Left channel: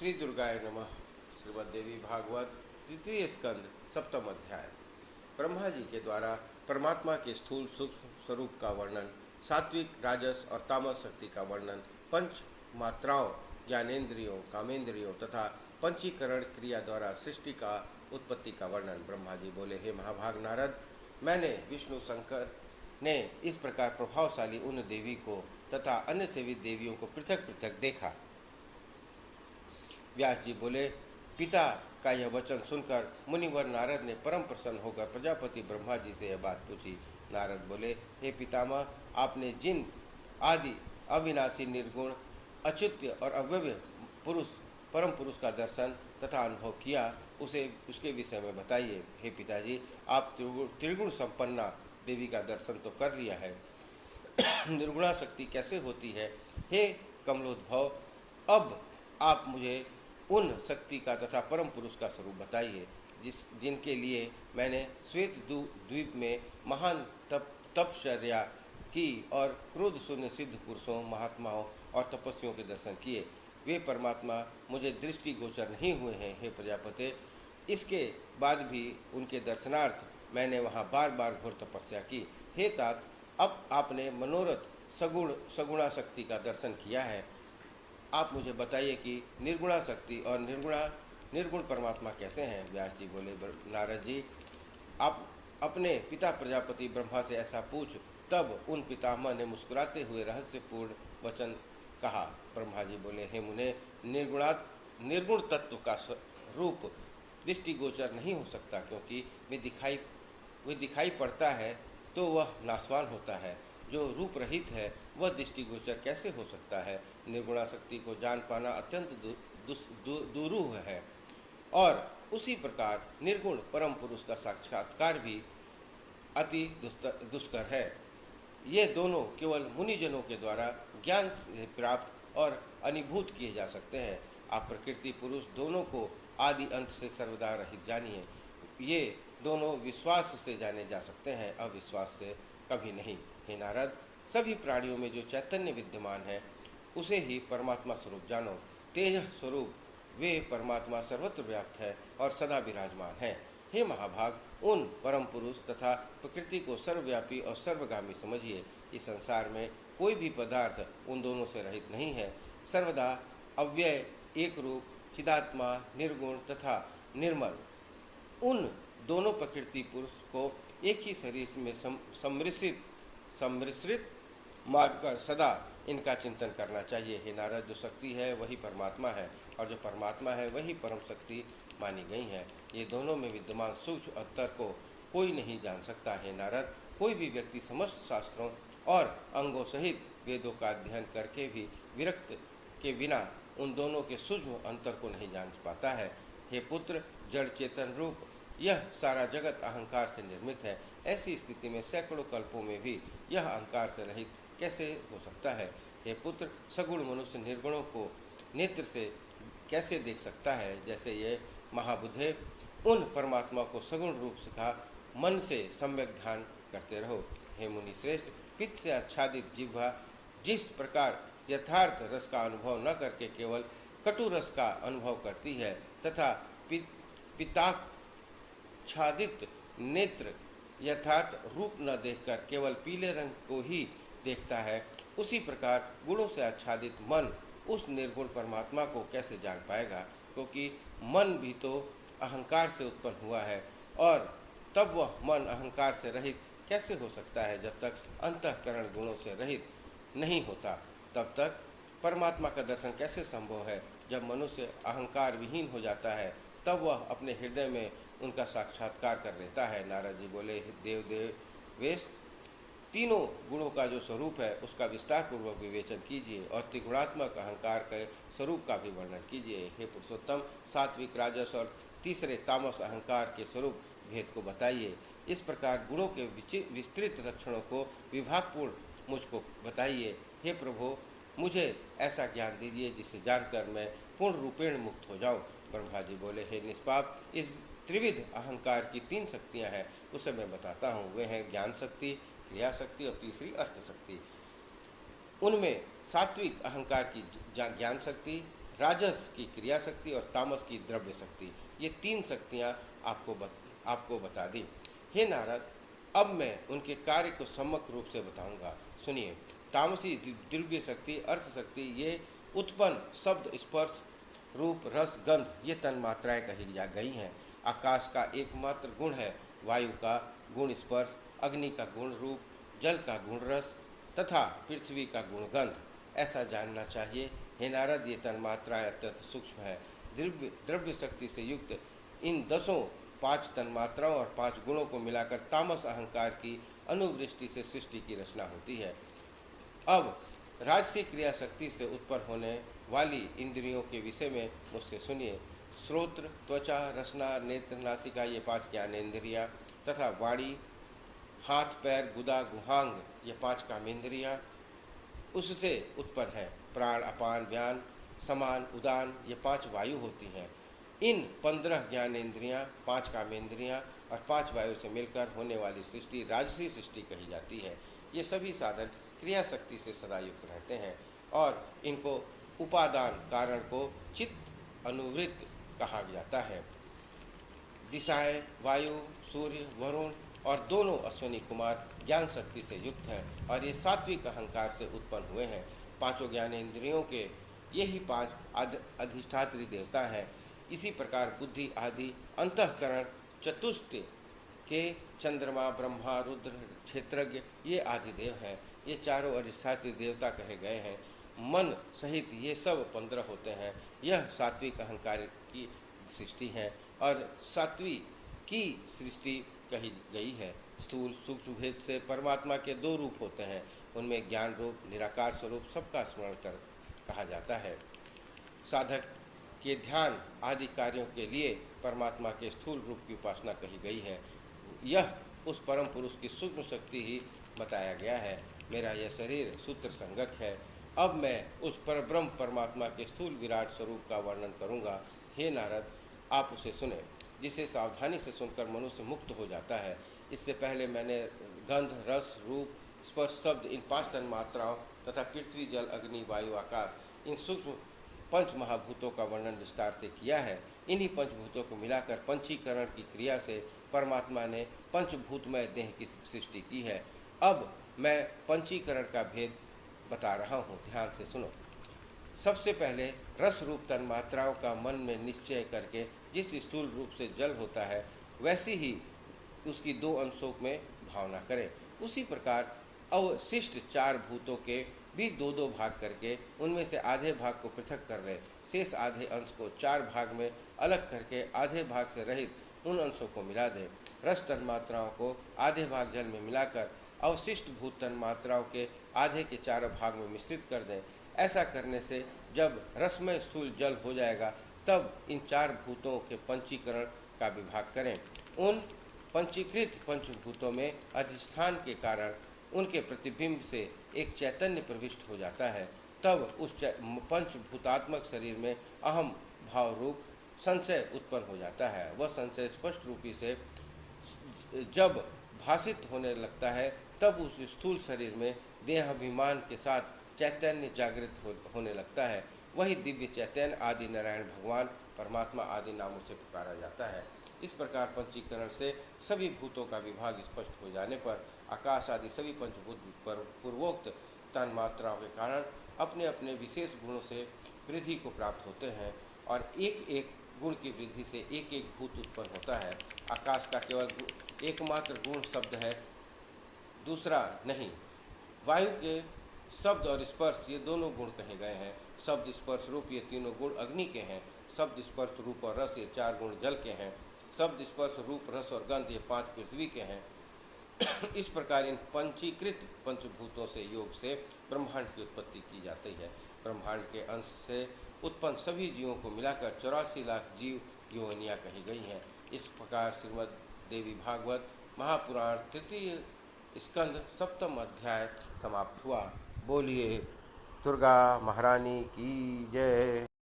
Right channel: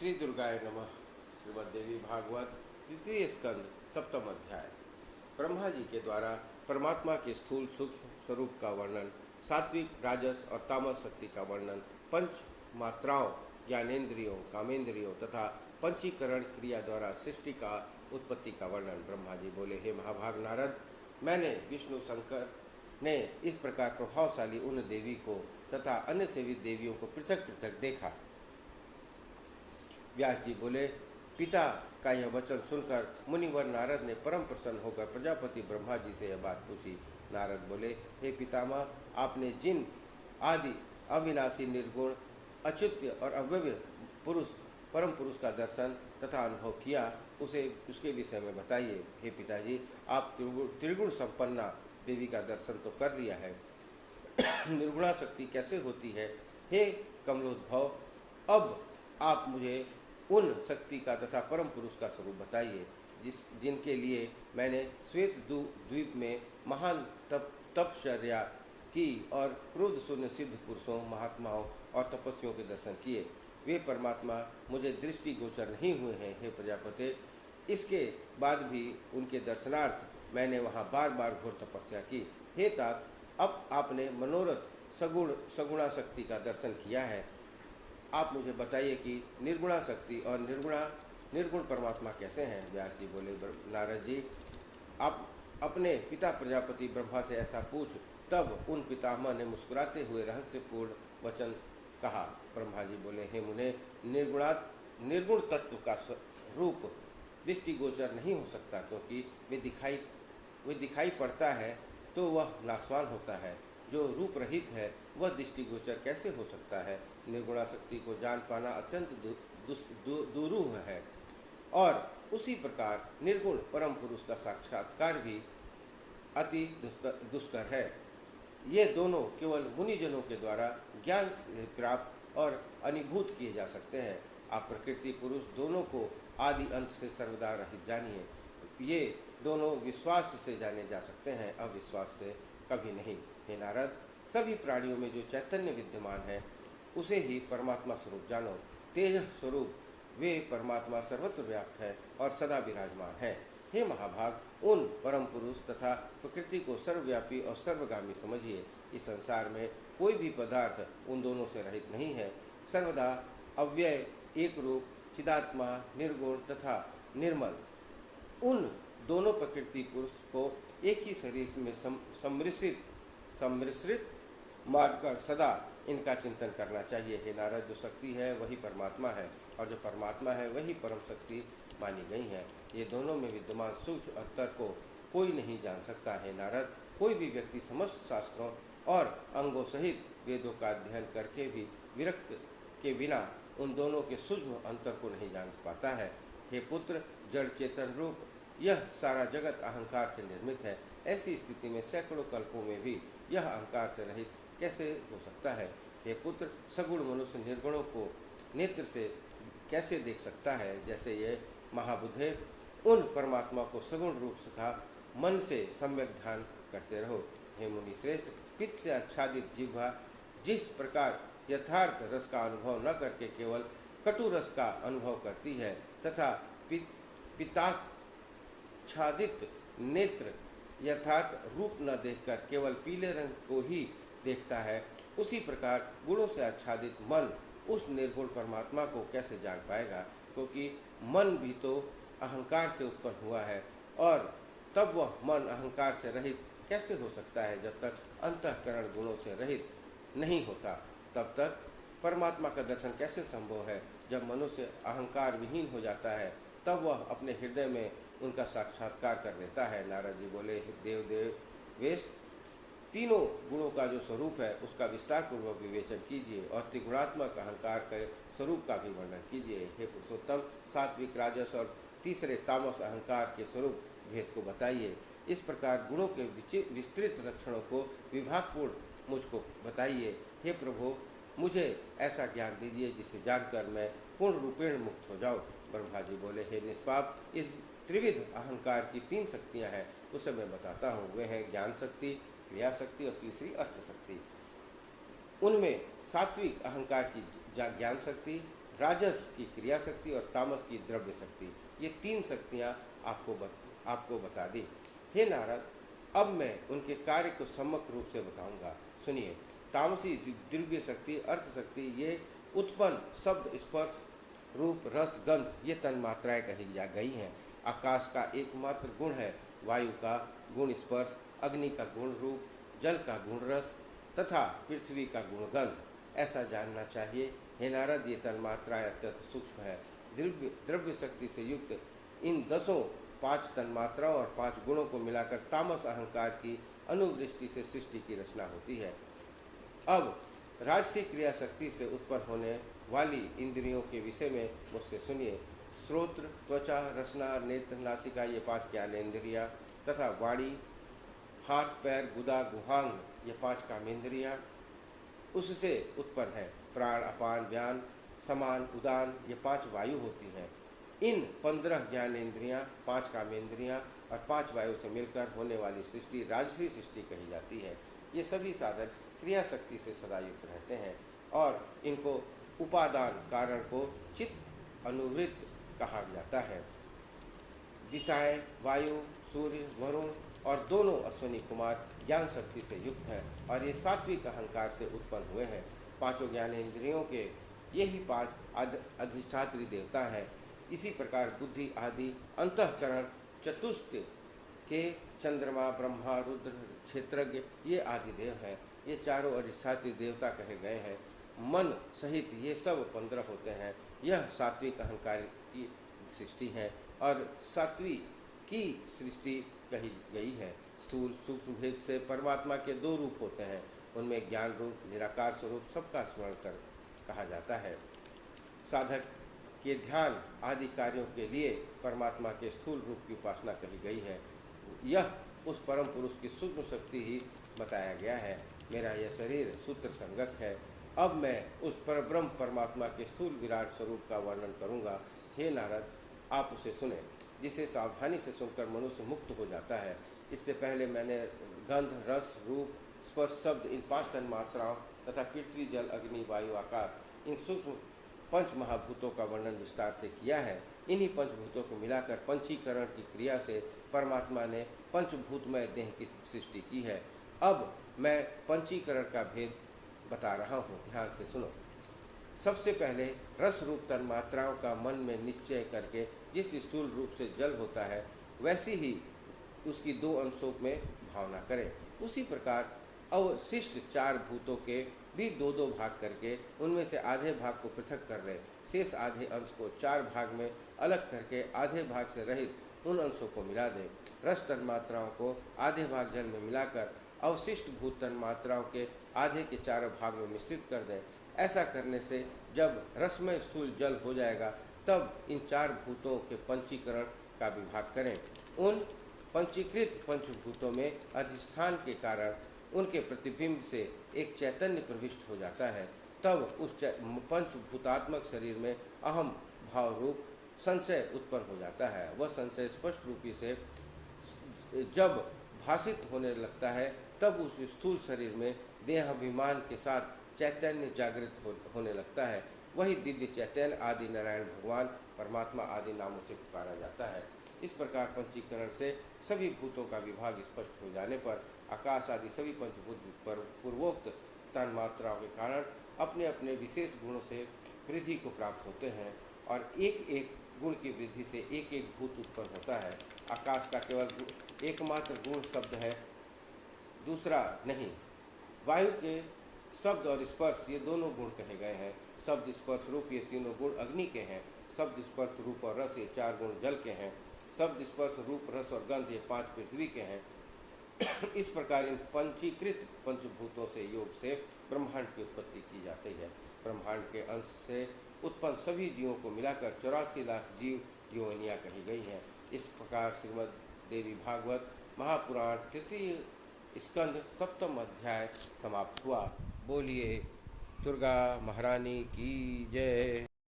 श्री दुर्गाय नमः। श्रीमद्देवी भागवत तृतीय स्कंद सप्तम अध्याय। ब्रह्मा जी के द्वारा परमात्मा के स्थूल सूक्ष्म स्वरूप का वर्णन, सात्विक राजस और तामस शक्ति का वर्णन, पंच मात्राओं ज्ञानेन्द्रियों कामेंद्रियों तथा पंचीकरण क्रिया द्वारा सृष्टि का उत्पत्ति का वर्णन। ब्रह्मा जी बोले, हे महाभाग नारद, मैंने विष्णु शंकर ने इस प्रकार प्रभावशाली उन देवी को तथा अन्य सेवित देवियों को पृथक पृथक देखा। व्यास जी बोले, पिता का यह वचन सुनकर मुनिवर नारद ने परम प्रसन्न होकर प्रजापति ब्रह्मा जी से यह बात पूछी। नारद बोले, हे पितामह, आपने जिन आदि अविनाशी निर्गुण अच्युत्य और अव्यव्य पुरुष परम पुरुष का दर्शन तथा अनुभव किया, उसके विषय में बताइए। हे पिताजी, आप त्रिगुण संपन्ना देवी का दर्शन तो कर लिया है, निर्गुणा शक्ति कैसे होती है? हे कमलोद्भव, अब आप मुझे उन शक्ति का तथा परम पुरुष का स्वरूप बताइए जिनके लिए मैंने श्वेत द्वीप में महान तपश्चर्या की और क्रोध शून्य सिद्ध पुरुषों, महात्माओं और तपस्वियों के दर्शन किए। वे परमात्मा मुझे दृष्टि गोचर नहीं हुए हैं। हे प्रजापते, इसके बाद भी उनके दर्शनार्थ मैंने वहाँ बार बार घोर तपस्या की। हे तात, अब आपने मनोरथ सगुणा शक्ति का दर्शन किया है। आप मुझे बताइए कि निर्गुणा शक्ति और निर्गुण परमात्मा कैसे हैं? व्यास जी बोले, नारद जी, आप अपने पिता प्रजापति ब्रह्मा से ऐसा पूछ। तब उन पितामह ने मुस्कुराते हुए रहस्यपूर्ण वचन कहा। ब्रह्मा जी बोले, हे मुने, निर्गुण तत्व का रूप दृष्टिगोचर नहीं हो सकता, क्योंकि वे दिखाई पड़ता है तो वह नाशवान होता है। जो रूप रहित है वह दृष्टिगोचर कैसे हो सकता है? निर्गुणा शक्ति को जान पाना अत्यंत दुरूह है, और उसी प्रकार निर्गुण परम पुरुष का साक्षात्कार भी अति दुष्कर है। ये दोनों केवल मुनिजनों के द्वारा ज्ञान से प्राप्त और अनुभूत किए जा सकते हैं। आप प्रकृति पुरुष दोनों को आदि अंत से सर्वदा रहित जानिए। ये दोनों विश्वास से जाने जा सकते हैं, अविश्वास से कभी नहीं। हे नारद, सभी प्राणियों में जो चैतन्य विद्यमान है उसे ही परमात्मा स्वरूप जानो। तेज स्वरूप वे परमात्मा सर्वत्र व्याप्त है और सदा विराजमान है। हे महाभाग, उन परम पुरुष तथा प्रकृति को सर्वव्यापी और सर्वगामी समझिए। इस संसार में कोई भी पदार्थ उन दोनों से रहित नहीं है। सर्वदा अव्यय, एक रूप, चिदात्मा, निर्गुण तथा निर्मल उन दोनों प्रकृति पुरुष को एक ही शरीर में सम्मिश्रित मानकर सदा इनका चिंतन करना चाहिए। हे नारद, जो शक्ति है वही परमात्मा है और जो परमात्मा है वही परम शक्ति मानी गई है। ये दोनों में विद्यमान सूक्ष्म अंतर को कोई नहीं जान सकता। है नारद, कोई भी व्यक्ति समस्त शास्त्रों और अंगों सहित वेदों का अध्ययन करके भी विरक्त के बिना उन दोनों के सूक्ष्म अंतर को नहीं जान पाता है। हे पुत्र, जड़ चेतन रूप यह सारा जगत अहंकार से निर्मित है। ऐसी स्थिति में सैकड़ों कल्पों में भी यह अहंकार से रहित कैसे हो सकता है? हे पुत्र, सगुण मनुष्य निर्गुणों को नेत्र से कैसे देख सकता है? जैसे ये महाबुद्धे उन परमात्मा को सगुण रूप से कहा, मन से सम्यक ध्यान करते रहो। हे मुनि श्रेष्ठ, पित्त से आच्छादित जिह्वा जिस प्रकार यथार्थ रस का अनुभव न करके केवल कटु रस का अनुभव करती है तथा पित्ताच्छादित नेत्र यथार्थ रूप न देखकर केवल पीले रंग को ही देखता है, उसी प्रकार गुणों से आच्छादित मन उस निर्गुण परमात्मा को कैसे जान पाएगा? क्योंकि मन भी तो अहंकार से उत्पन्न हुआ है, और तब वह मन अहंकार से रहित कैसे हो सकता है? जब तक अंतःकरण गुणों से रहित नहीं होता तब तक परमात्मा का दर्शन कैसे संभव है? जब मनुष्य अहंकार विहीन हो जाता है तब वह अपने हृदय में उनका साक्षात्कार कर लेता है। नारद जी बोले, देवेश, तीनों गुणों का जो स्वरूप है उसका विस्तार पूर्वक विवेचन कीजिए और त्रिगुणात्मक अहंकार के स्वरूप का भी वर्णन कीजिए। हे पुरुषोत्तम, सात्विक राजस और तीसरे तामस अहंकार के स्वरूप भेद को बताइए। इस प्रकार गुणों के विस्तृत लक्षणों को विभागपूर्ण मुझको बताइए। हे प्रभु, मुझे ऐसा ज्ञान दीजिए जिसे जानकर मैं पूर्ण रूपेण मुक्त हो जाऊं। ब्रह्मा जी बोले, हे निष्पाप, इस त्रिविध अहंकार की 3 शक्तियां हैं, उसे मैं बताता हूँ। वे हैं ज्ञान शक्ति, क्रिया शक्ति और तीसरी अर्थ शक्ति। उनमें सात्विक अहंकार की ज्ञान शक्ति, राजस की क्रिया शक्ति और तामस की द्रव्य शक्ति, ये तीन शक्तियाँ आपको बता दी। हे नारद, अब मैं उनके कार्य को सम्यक रूप से बताऊंगा। सुनिए। तामसी दिव्य शक्ति, अर्थ शक्ति, ये उत्पन्न शब्द, स्पर्श, रूप, रस, गंध, ये तन्मात्राएं कही जा गई हैं। आकाश का एकमात्र गुण है, वायु का गुण स्पर्श, अग्नि का गुण रूप, जल का गुण रस तथा पृथ्वी का गुण गंध। ऐसा जानना चाहिए। हे नारद, ये तन्मात्राएं अत्यंत सूक्ष्म है। द्रव्य शक्ति से युक्त इन 5 तन्मात्राओं और 5 गुणों को मिलाकर तामस अहंकार की अनुवृष्टि से सृष्टि की रचना होती है। अब राजसी क्रिया शक्ति से उत्पन्न होने वाली इंद्रियों के विषय में मुझसे सुनिए। श्रोत्र, त्वचा, रसना, नेत्र, नासिका, ये 5 ज्ञानेन्द्रियाँ तथा वाणी, हाथ, पैर, गुदा, गुहांग, ये 5 कामेंद्रियाँ उससे उत्पन्न है। प्राण, अपान, व्यान, समान, उदान, ये 5 वायु होती हैं। इन 15 ज्ञानेन्द्रियाँ, 5 कामेंद्रियाँ और 5 वायु से मिलकर होने वाली सृष्टि राजसी सृष्टि कही जाती है। ये सभी साधन क्रिया शक्ति से सदा युक्त रहते हैं और इनको उपादान कारण को चित्त अनुवृत्त कहा जाता है। दिशाएं, वायु, सूर्य, वरुण और दोनों अश्विनी कुमार ज्ञान शक्ति से युक्त हैं और ये सात्विक अहंकार से उत्पन्न हुए हैं। 5 ज्ञानेन्द्रियों के यही 5 अधिष्ठात्री देवता हैं। इसी प्रकार बुद्धि आदि अंतःकरण चतुष्ट के चंद्रमा, ब्रह्मा, रुद्र, क्षेत्रज्ञ, ये आदि देव हैं। ये चारों अधिष्ठात्री देवता कहे गए हैं। मन सहित ये सब 15 होते हैं। यह सात्विक अहंकार की सृष्टि है और सात्विक की सृष्टि कही गई है। स्थूल सूक्ष्म भेद से परमात्मा के 2 रूप होते हैं। उनमें ज्ञान रूप, निराकार स्वरूप सबका स्मरण कर कहा जाता है। साधक के ध्यान आदि कार्यों के लिए परमात्मा के स्थूल रूप की उपासना कही गई है। यह उस परम पुरुष की सूक्ष्म शक्ति ही बताया गया है। मेरा यह शरीर सूत्र संगक है। अब मैं उस परब्रह्म परमात्मा के स्थूल विराट स्वरूप का वर्णन करूंगा। हे नारद, आप उसे सुने, जिसे सावधानी से सुनकर मनुष्य मुक्त हो जाता है। इससे पहले मैंने गंध, रस, रूप, स्पर्श, शब्द, इन 5 तन्मात्राओं तथा पृथ्वी, जल, अग्नि, वायु, आकाश, इन सूक्ष्म 5 महाभूतों का वर्णन विस्तार से किया है। इन्हीं पंचभूतों को मिलाकर पंचीकरण की क्रिया से परमात्मा ने पंचभूतमय देह की सृष्टि की है। अब मैं पंचीकरण का भेद बता रहा हूँ, ध्यान से सुनो। सबसे पहले रस रूप तन्मात्राओं का मन में निश्चय करके जिस स्थूल रूप से जल होता है, वैसी ही उसकी 2 अंशों में भावना करें। उसी प्रकार अवशिष्ट 4 भूतों के भी 2-2 भाग करके उनमें से आधे भाग को पृथक कर लें। शेष आधे अंश को 4 भाग में अलग करके आधे भाग से रहित उन अंशों को मिला दें। रस तन्मात्राओं को आधे भाग जल में मिलाकर अवशिष्ट भूत तन्मात्राओं के आधे के 4 भाग में मिश्रित कर दें। ऐसा करने से जब रसमय स्थूल जल हो जाएगा, तब इन 4 भूतों के पंचीकरण का विभाग करें। उन पंचीकृत पंचभूतों में अधिष्ठान के कारण उनके प्रतिबिंब से एक चैतन्य प्रविष्ट हो जाता है। तब उस पंचभूतात्मक शरीर में अहम भाव रूप संशय उत्पन्न हो जाता है। वह संशय स्पष्ट रूपी से जब भाषित होने लगता है, तब उस स्थूल शरीर में देहाभिमान के साथ चैतन्य जागृत होने लगता है। वही दिव्य चैतन्य आदि नारायण भगवान परमात्मा आदि नामों से पुकारा जाता है। इस प्रकार पंचीकरण से सभी भूतों का विभाग स्पष्ट हो जाने पर आकाश आदि सभी पंचभूत पर पूर्वोक्त तन्मात्राओं के कारण अपने अपने विशेष गुणों से वृद्धि को प्राप्त होते हैं और एक एक गुण की वृद्धि से एक एक भूत उत्पन्न होता है। आकाश का केवल एकमात्र गुण शब्द है, दूसरा नहीं। वायु के शब्द और स्पर्श ये दोनों गुण कहे गए हैं। शब्द, स्पर्श, रूप ये तीनों गुण अग्नि के हैं। शब्द, स्पर्श, रूप और रस ये 4 गुण जल के हैं। शब्द, स्पर्श, रूप, रस और गंध ये 5 पृथ्वी के हैं। इस प्रकार इन पंचीकृत पंचभूतों से योग से ब्रह्मांड की उत्पत्ति की जाती है। ब्रह्मांड के अंश से उत्पन्न सभी जीवों को मिलाकर 84 लाख जीव योनियाँ कही गई हैं। इस प्रकार श्रीमद् देवी भागवत महापुराण 3 स्कंद 7वां अध्याय समाप्त हुआ। बोलिए दुर्गा महारानी की जय।